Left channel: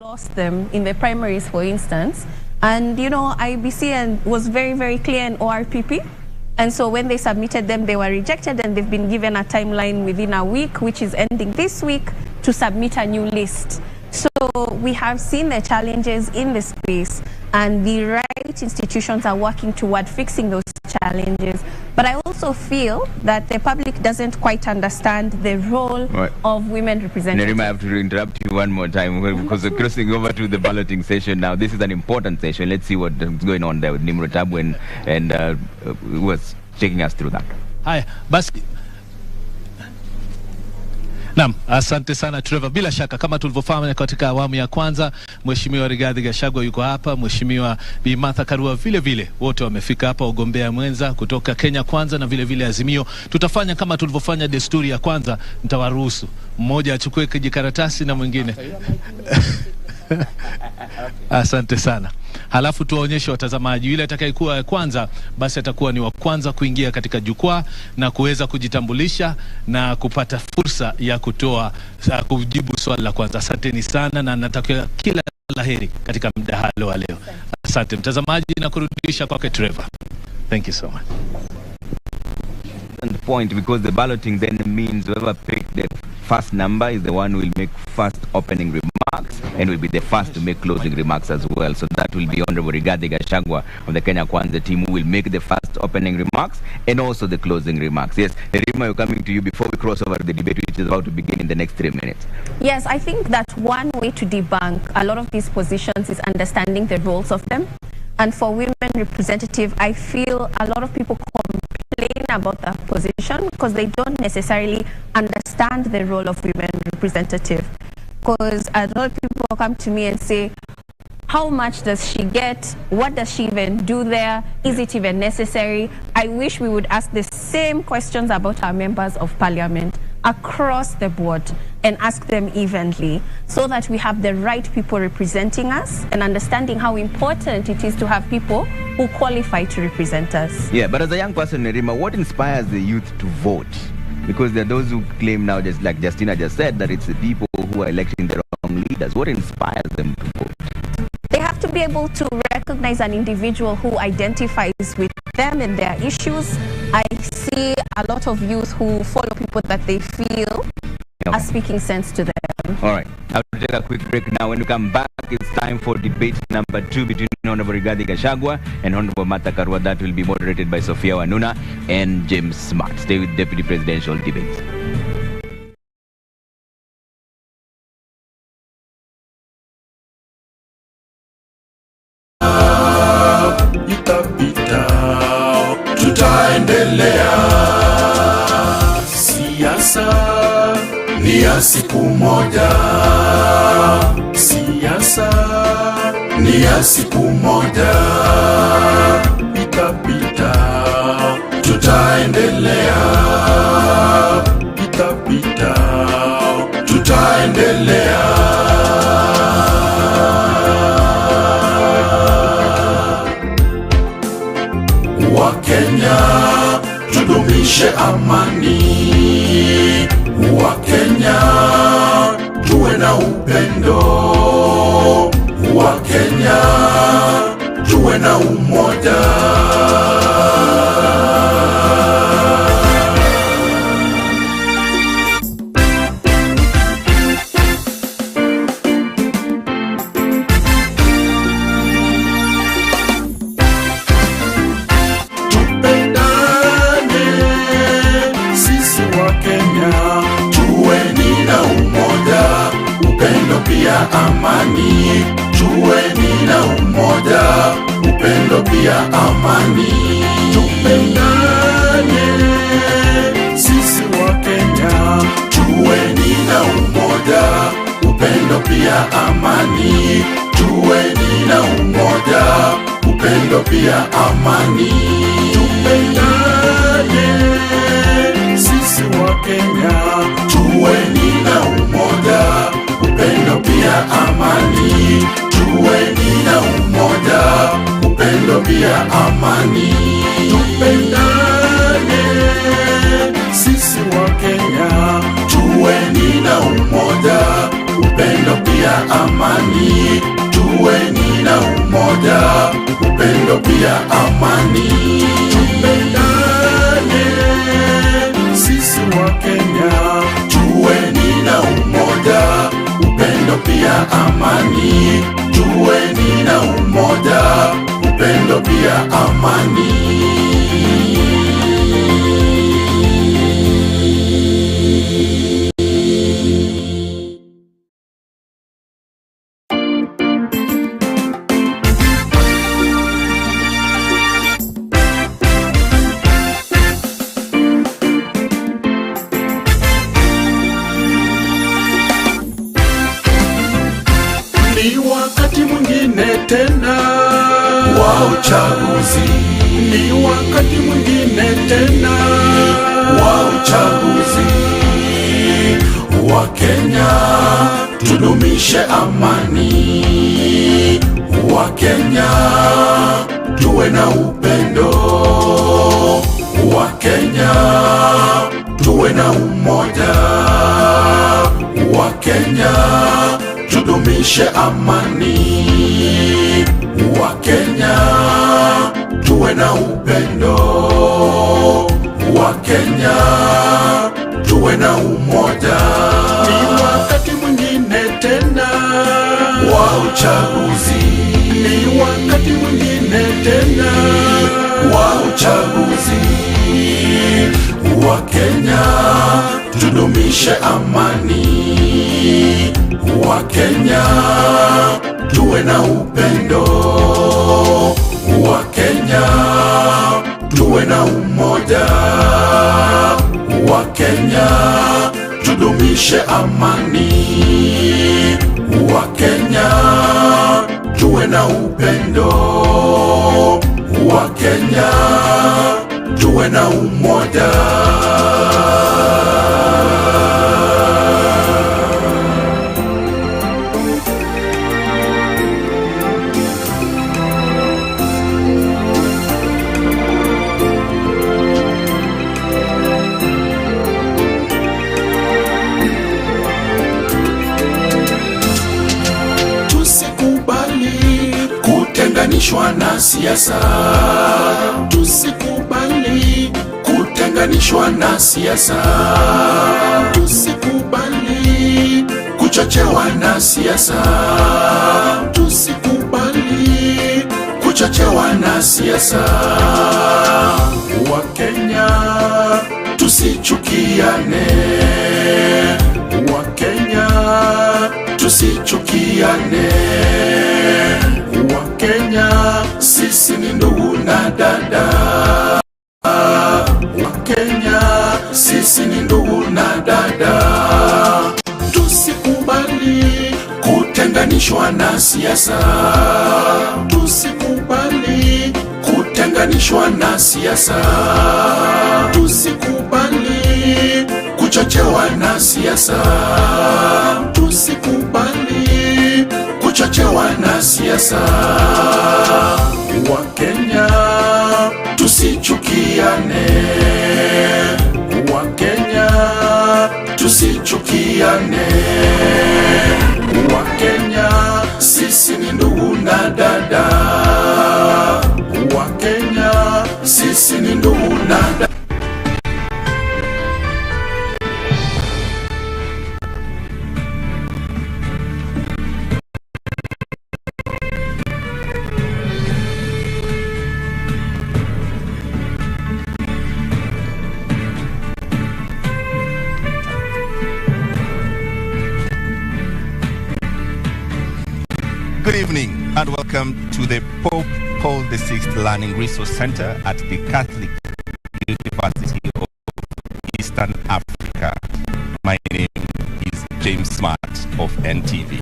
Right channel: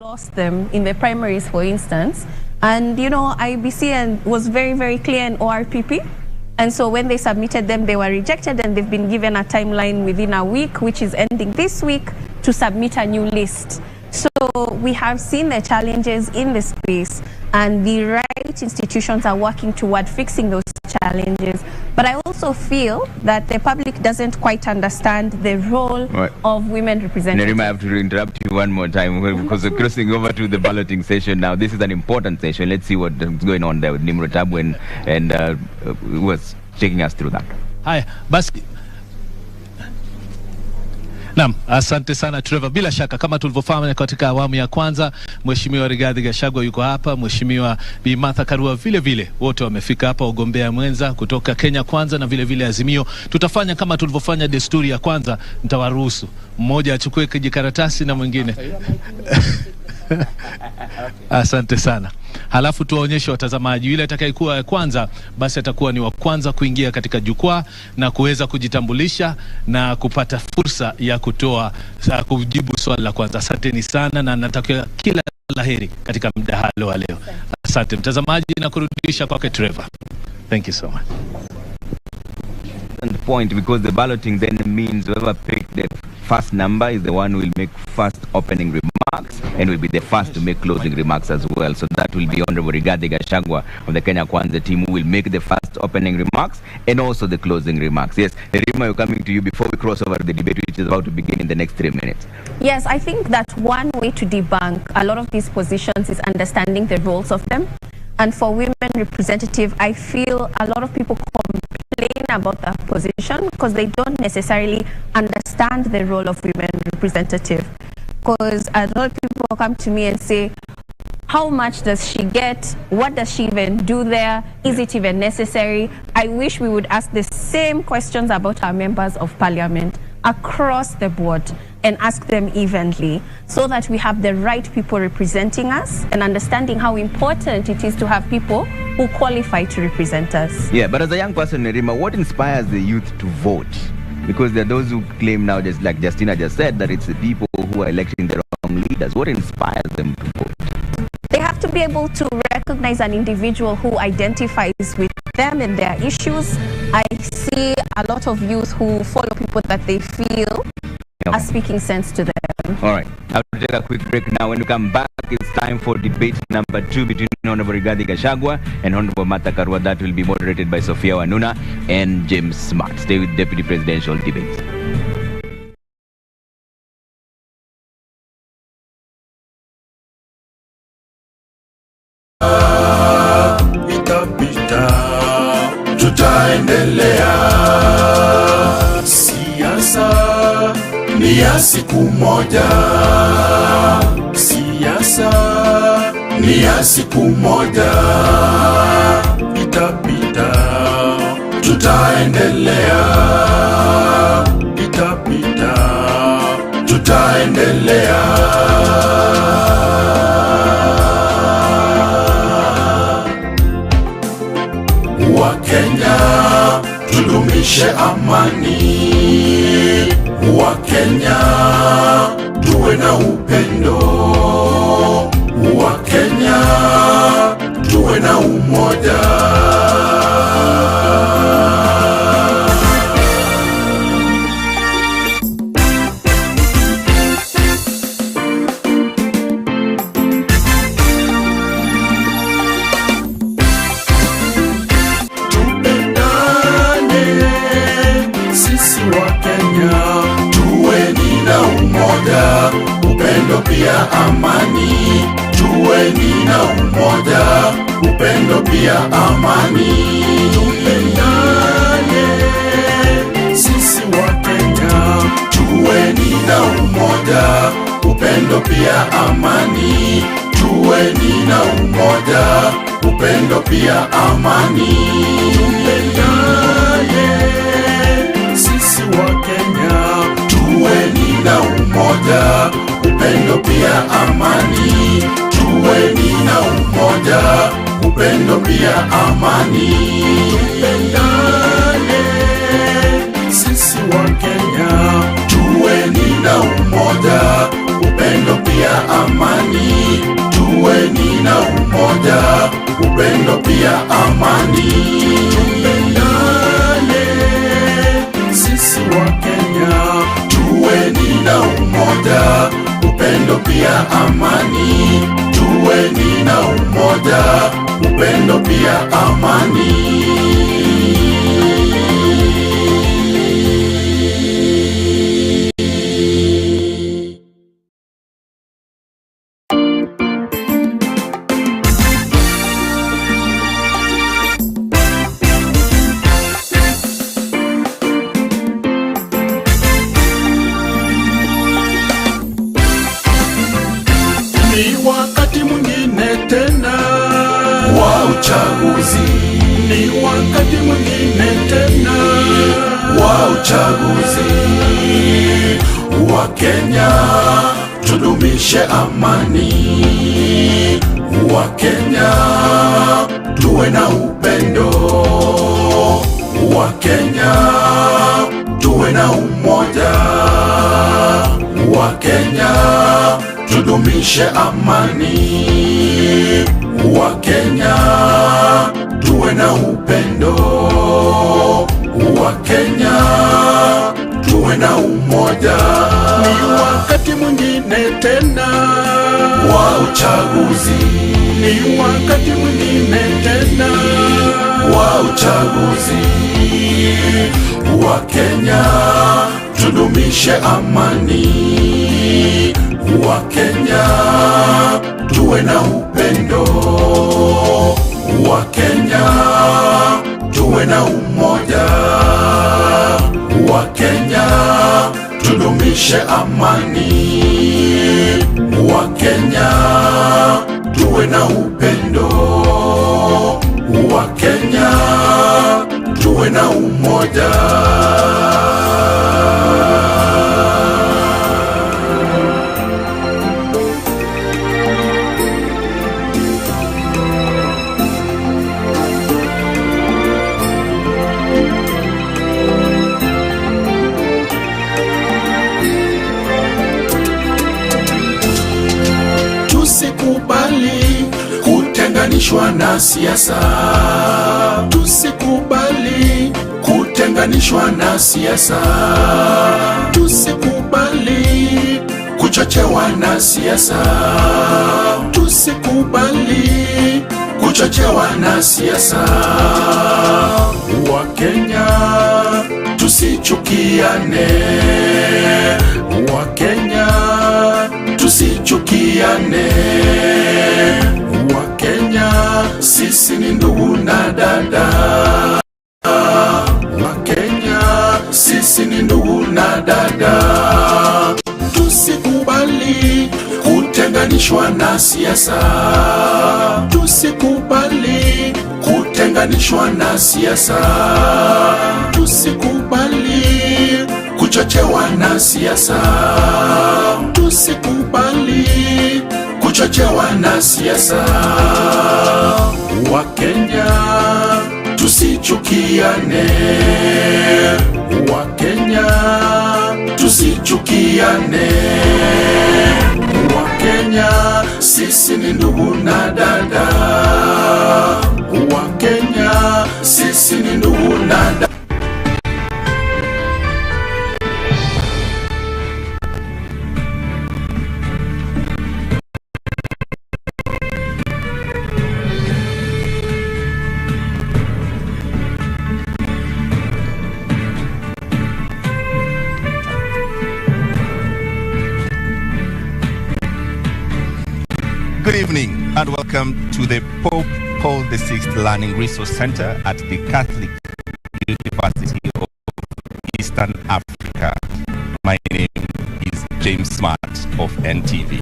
lost them in the primaries, for instance. And, you know, IBC was very, very clear in ORPP. And so when they submitted them, they were rejected, and they've been given a timeline within a week, which is ending this week, to submit a new list. So we have seen the challenges in the space, and the right institutions are working toward fixing those challenges. But I also feel that the public doesn't quite understand the role of women representatives. Nerima, I have to interrupt you one more time because we're crossing over to the balloting session now. This is an important session. Let's see what's going on there with Nimrod Tabu and was taking us through that. Hi, basi. Naam, asante sana Trevor. Bila shaka kama tulivyofahamu katika awamu ya kwanza, Mheshimiwa Rigathi Gachagua yuko hapa, Mheshimiwa Bi Martha Karua vile wote wamefika hapa, ugombea mwenza kutoka Kenya Kwanza na vile Azimio. Tutafanya kama tulivyofanya desturi ya kwanza, nitawaruhusu mmoja achukue kijikaratasi na mwingine. Asante sana. Halafu tuwaonyeshe watazamaji, yule atakayekuwa kwanza basi atakuwa ni wa kwanza kuingia katika jukwaa na kuweza kujitambulisha na kupata fursa ya kujibu swali la kwanza. Asanteni sana na natakia kila laheri katika mdahalo wa leo. Asante mtazamaji, na kurudisha kwake Trevor. Thank you so much. The point, because the balloting then means whoever picked the first number is the one who will make first opening remarks and will be the first to make closing remarks as well. So that will be Honorable Rigathi Gachagua of the Kenya Kwanza team who will make the first opening remarks and also the closing remarks. Yes, Nerima, we're coming to you before we cross over the debate, which is about to begin in the next 3 minutes. Yes, I think that one way to debunk a lot of these positions is understanding the roles of them. And for women representative, I feel a lot of people complain about that position because they don't necessarily understand the role of women representative. Because a lot of people come to me and say, how much does she get? What does she even do there? Is it even necessary? I wish we would ask the same questions about our members of parliament across the board and ask them evenly so that we have the right people representing us and understanding how important it is to have people who qualify to represent us. Yeah, but as a young person, Nerima, what inspires the youth to vote? Because there are those who claim now, just like Justina just said, that it's the people who are electing the wrong leaders. What inspires them to vote? They have to be able to recognize an individual who identifies with them and their issues. I see a lot of youth who follow people that they feel are speaking sense to them. All right, I'll take a quick break now. When we come back, it's time for debate number 2 between Honorable Rigathi Gachagua and Honorable Martha Karua. That will be moderated by Sophia Wanuna and James Smart. Stay with Deputy Presidential Debate. Siku moja, siasa ni ya siku moja, itapita, tutaendelea, itapita, tutaendelea. Wakenya, tudumishe amani. Wakenya, tuwe na upendo. Wakenya, tuwe na umoja. Amani, tuweni na umoja, upendo pia amani. tudumishe amani. Wakenya tuwe na upendo, Wakenya tuwe na umoja, Wakenya tudumishe amani. Wakenya tuwe na upendo, Wakenya tuwe na umoja. Ni wakati mwingine tena wa uchaguzi, ni wakati mwingine tena wa uchaguzi. Wakenya tudumishe amani, Wakenya tuwe na upendo, Wakenya tuwe na umoja, Wakenya tudumishe amani, Wakenya tuwe na upendo, Wakenya tuwe na umoja. Na siasa, tusikubali kutenganishwa na siasa, tusikubali kuchochewa na siasa, tusikubali kuchochewa na siasa. Wakenya tusichukiane, Wakenya tusichukiane, sisi ni ndugu na dada, Wakenya sisi ni ndugu na dada. Tusikubali kutenganishwa na siasa, tusikubali kutenganishwa na siasa, tusikubali kuchochewa na siasa, tusikubali kuchochewa na siasa. Wakenya tusichukiane, Wakenya tusichukiane, Wakenya sisi ni ndugu na dada, Wakenya sisi ni ndugu na dada. Good evening and welcome to the Pope Paul VI Learning Resource Center at the Catholic University of Eastern Africa. My name is James Smart of NTV.